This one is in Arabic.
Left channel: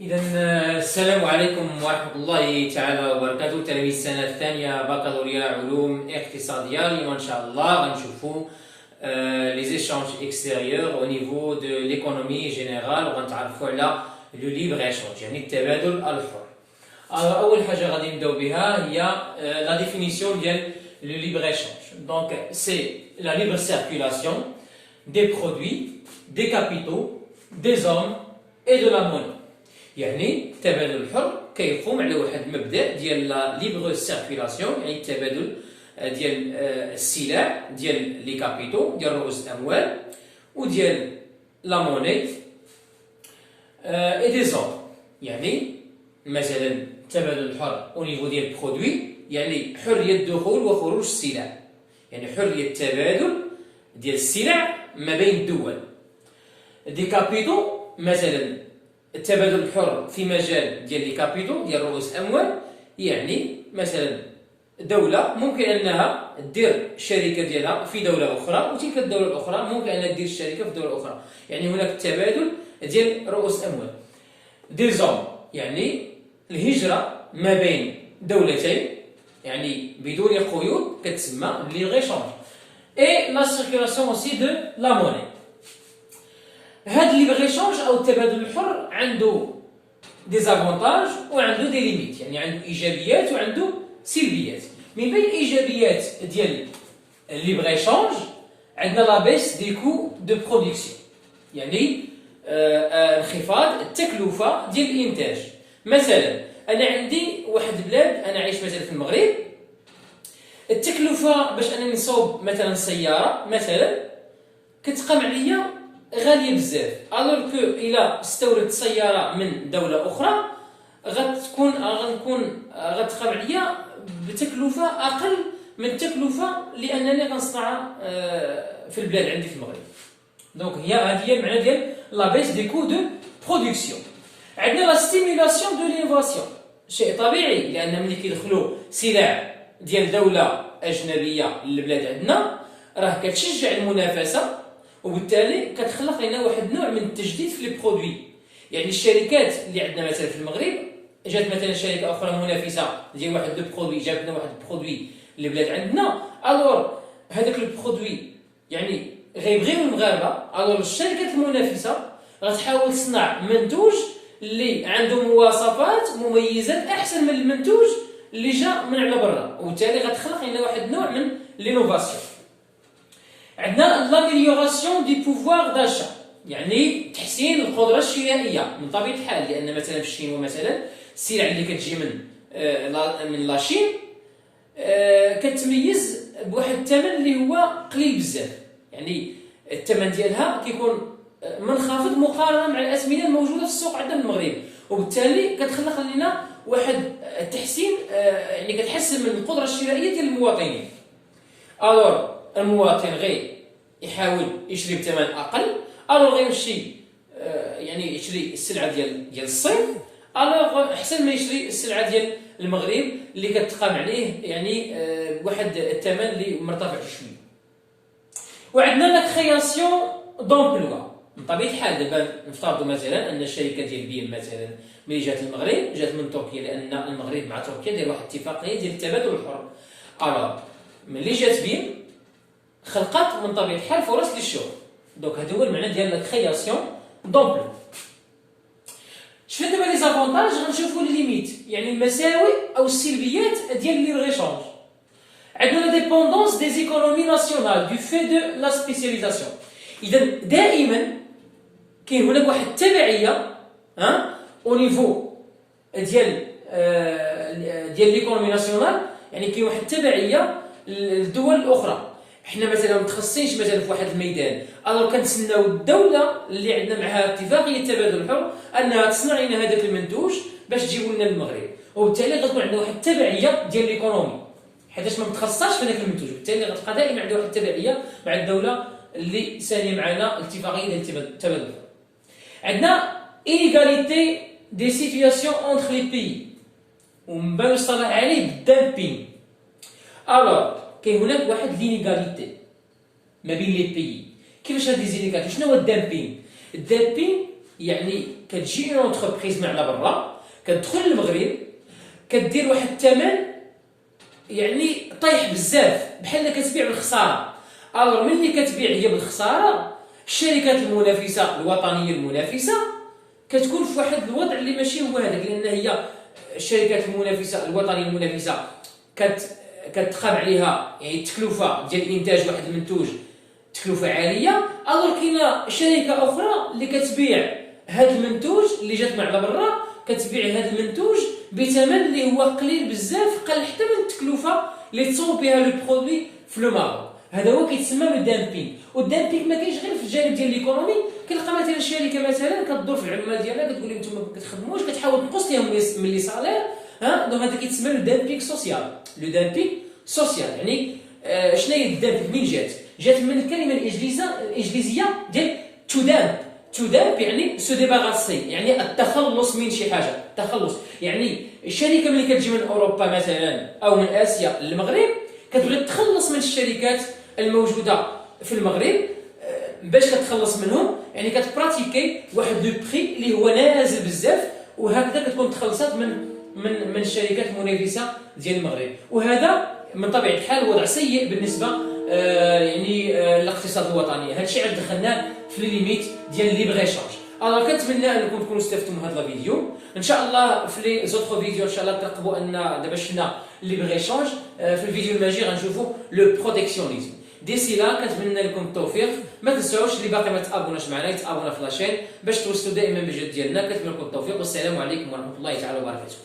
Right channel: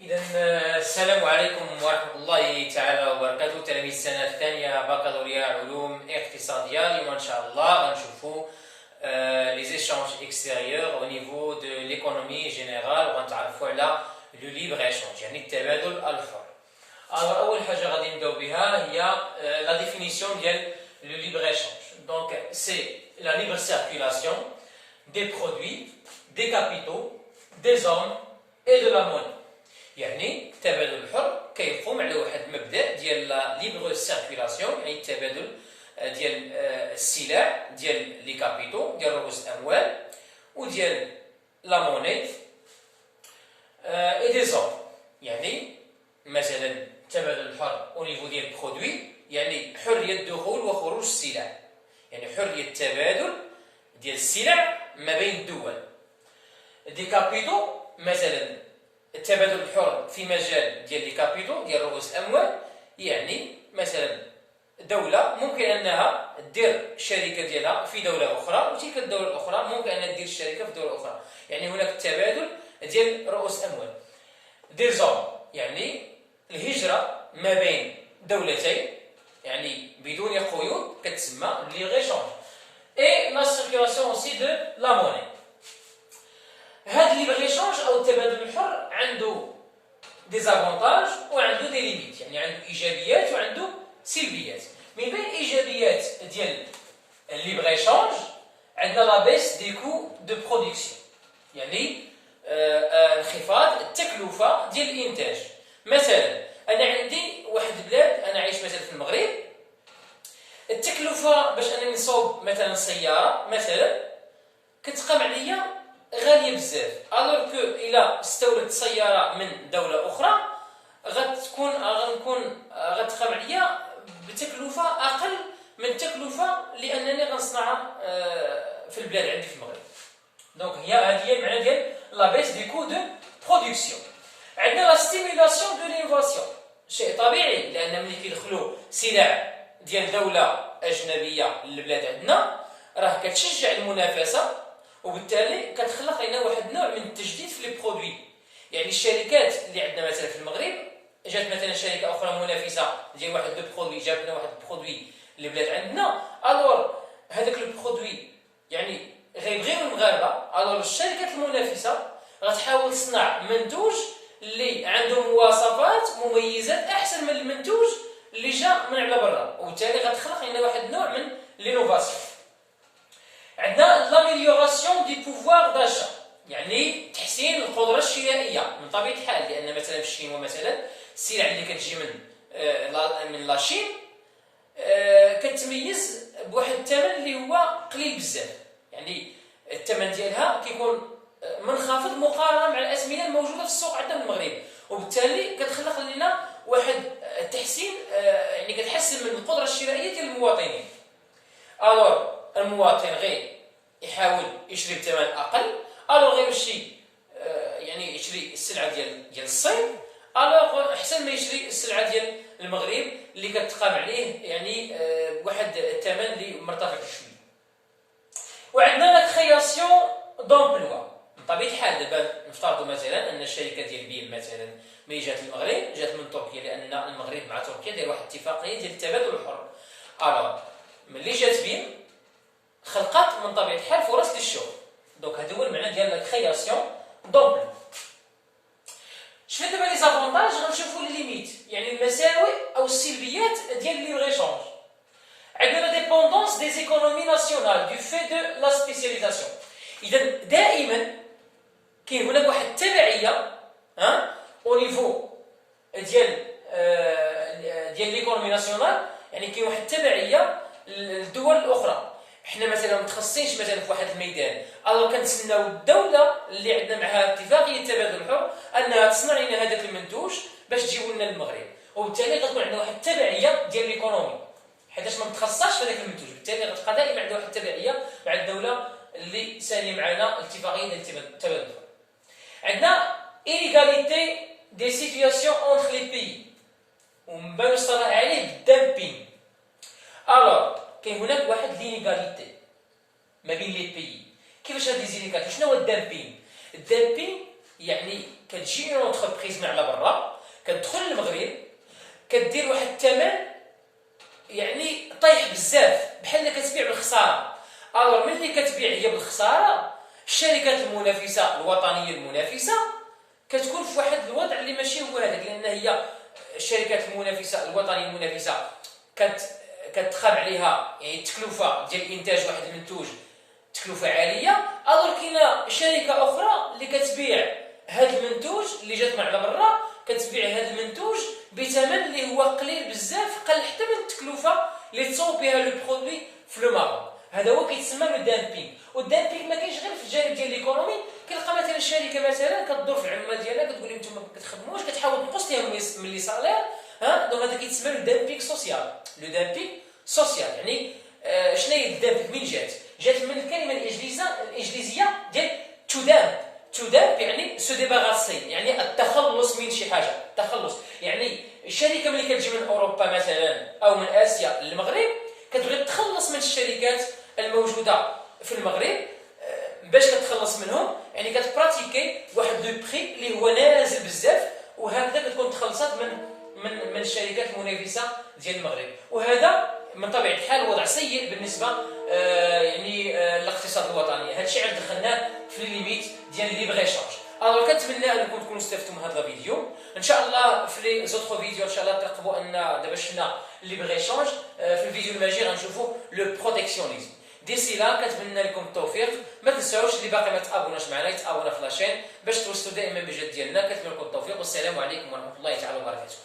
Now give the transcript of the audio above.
إذا السلام عليكم ورحمة الله تعالى وبركاته. تلاميذ السنة الثانية بكالوريا علوم اقتصادية. اليوم إن شاء الله غنشوفوا les échanges extérieurs au niveau de l'économie générale وغنتعرفوا على لو ليبر échange يعني التبادل الحر. أول حاجة غادي نبداو بها هي la définition ديال le libre échange. Donc c'est la libre circulation des produits, des capitaux, des hommes et de la monnaie. يعني التبادل الحر كيقوم على واحد المبدا ديال لا ليبر سيركيلاسيون، يعني التبادل ديال السلع ديال لي كابيتو ديال رؤوس الاموال وديال لا مونيت اي دي زون. يعني مثلا التبادل الحر او نيفو ديال البرودوي يعني حريه دخول وخروج السلع، يعني حريه التبادل ديال السلع ما بين الدول. دي كابيتو مثلا التبادل الحر في مجال ديال لي كابيتو ديال رؤوس الاموال، يعني مثلا دوله ممكن انها دير الشركه ديالها في دوله اخرى وتلك الدوله الاخرى ممكن انها دير الشركه في دوله اخرى، يعني هناك التبادل ديال رؤوس الاموال. دي زون يعني الهجره ما بين دولتين يعني بدون قيود كتسمى ليغ échange. اي لا سيركيلاسيون اوسي دو لا موني. هاد ليبر échange او التبادل الحر عنده دي زافونتاج وعنده دي ليميت، يعني عنده ايجابيات وعنده سلبيات. من بين الايجابيات ديال الليبر échange عندنا لا بيس دي كو دو برودكسيون، يعني انخفاض التكلفه ديال الانتاج. مثلا انا عندي واحد البلاد، انا عايش مثلا في المغرب، التكلفه باش انني نصوب مثلا سياره مثلا كتقام عليا غاليه بزاف، الوغ كو الا استوردت سياره من دوله اخرى غتقام عليا بتكلفه اقل من التكلفه لانني غنصنعها في البلاد عندي في المغرب. دونك هذه هي المعنى ديال لا بيس دي كو دو برودكسيون. عندنا لا ستيمولاسيون دو لينوفاسيون، شيء طبيعي لان ملي كيدخلوا سلع ديال دوله اجنبيه للبلاد عندنا راه كتشجع المنافسه، وبالتالي كتخلق لنا واحد النوع من التجديد في لي برودوي. يعني الشركات اللي عندنا مثلا في المغرب جات مثلا شركه اخرى منافسه ديال واحد لو برودوي، جاب لنا واحد البرودوي للبلاد عندنا، الوغ هذاك البرودوي يعني غيبغيو المغاربه، الوغ الشركات المنافسه غتحاول تصنع منتوج اللي عنده مواصفات مميزات احسن من المنتوج اللي جا من على برا، وبالتالي غتخلق لنا واحد النوع من لينوفاسيون. عندنا لاميليوراسيون دي بوفوار داشا، يعني تحسين القدره الشرائيه من طبيعه الحال، لان مثلا في الشين مثلا السلع اللي كتجي من لاشين كتميز بواحد الثمن اللي هو قليل بزاف، يعني الثمن ديالها كيكون منخفض مقارنه مع الاسمده الموجوده في السوق عندنا في المغرب، وبالتالي كتخلق لنا واحد التحسين، يعني كتحسن من القدره الشرائيه ديال المواطنين. الوغ المواطن يحاول يشري بثمن اقل، الوغ غيمشي يعني يشري السلعه ديال الصين، الوغ احسن ما يشري السلعه ديال المغرب اللي كتقام عليه يعني بواحد الثمن اللي مرتفع شويه. وعندنا لا كرياسيون دومبلوا. من طبيعه الحال دابا نفترضوا مثلا ان الشركه ديال بيم مثلا ملي جات المغرب جات من تركيا، لان المغرب مع تركيا داير واحد الاتفاقيه ديال التبادل الحر. الوغ ملي جات بيم خلقت من طبيعه الحال فرص للشغل. دونك هذا هو المعنى ديال لا كرياسيون دومبلو. شفنا دابا لي زافونتاج، غنشوفوا لي ليميت يعني المساوئ او السلبيات ديال ليبر échange. عندنا لا ديبوندونس دي زيكونومي ناسيونال دو في دو لا سبيسياليزاسيون. اذا دائما كاين هناك واحد التبعيه او نيفو ديال ليكونومي ناسيونال، يعني كاين واحد التبعيه للدول الاخرى. حنا مثلا متخصصينش مثلا في واحد الميدان، الو كنتسناو الدوله اللي عندنا معها اتفاقيه التبادل الحر انها تصنع لنا هذاك المنتوج باش تجيبوا لنا للمغرب، وبالتالي غتكون عندنا واحد التبعيه ديال ليكونومي حيتاش ما متخصصاش في هذاك المنتوج، بالتالي غتبقى دائما عندها واحد التبعيه مع الدوله اللي سانيه معنا الاتفاقيه ديال التبادل الحر. عندنا inégalité des situations entre les pays، ومن بين يصطلح عليه الدامبينغ. الوغ كاين هناك واحد لينيغاليتي ما بين لي بيي. كيفاش هاد لي زينيغاليتي؟ شنو هو الدامبينغ؟ الدامبينغ يعني كتجي اون اونتربريز من على برا كتدخل للمغرب كدير واحد الثمن يعني طايح بزاف بحال كتبيع بالخساره. الوغ ملي كتبيع هي بالخساره الشركات المنافسه الوطنيه المنافسه كتكون في واحد الوضع اللي ماشي هو هذاك، لان هي الشركات المنافسه الوطنيه المنافسه كتخاب عليها يعني التكلفه ديال انتاج واحد المنتوج تكلفه عاليه. الوغ كاينه شركه اخرى اللي كتبيع هذا المنتوج اللي جات من على برا كتبيع هذا المنتوج بثمن اللي هو قليل بزاف، قل حتى من التكلفه اللي تصوب بها لو برودوي في لو ماروك. هذا هو كيتسمى لو دامبينغ. والدامبينغ ما كاينش غير في الجانب ديال ليكونومي، كنلقى مثلا الشركه مثلا كدور في العمال ديالها كتقول لهم نتوما ما كتخدموش، كتحاول تنقص لهم من لي سالير. دونك هذا كيتسمى لو دامبينغ سوسيال. لو دامبينغ سوسيال يعني شنو هي الدامبينغ؟ من جات من الكلمه الانجليزيه ديال تو دامب. تو دامب يعني سو ديباغاسي، يعني التخلص من شي حاجه. التخلص يعني الشركه ملي كتجي من اوروبا مثلا او من اسيا للمغرب كتبغي تخلص من الشركات الموجوده في المغرب. باش كتخلص منهم يعني كتبراتيكي واحد لو بري اللي هو نازل بزاف، وهكذا كتكون تخلصات من الشركات المنافسه ديال المغرب. وهذا من طبيعه الحال وضع سيء بالنسبه يعني الاقتصاد الوطني. هذا الشيء عاد دخلناه في ليميت ديال ليبر ايشانج. الوغ كنتمنى انكم تكونوا استفدتوا من هذا الفيديو. ان شاء الله في لي زوتر فيديو ان شاء الله ترقبوا ان دابا شفنا ليبر ايشانج، في الفيديو الماجي غنشوفوا لو بروتيكسيونيزم. ديسي لا كنتمنى لكم التوفيق. ما تنساوش اللي باقي ما تابوناش معنا يتابونا في لاشين باش توصلوا دائما بالجد ديالنا. كنتمنى لكم التوفيق والسلام عليكم ورحمه الله تعالى وبركاته.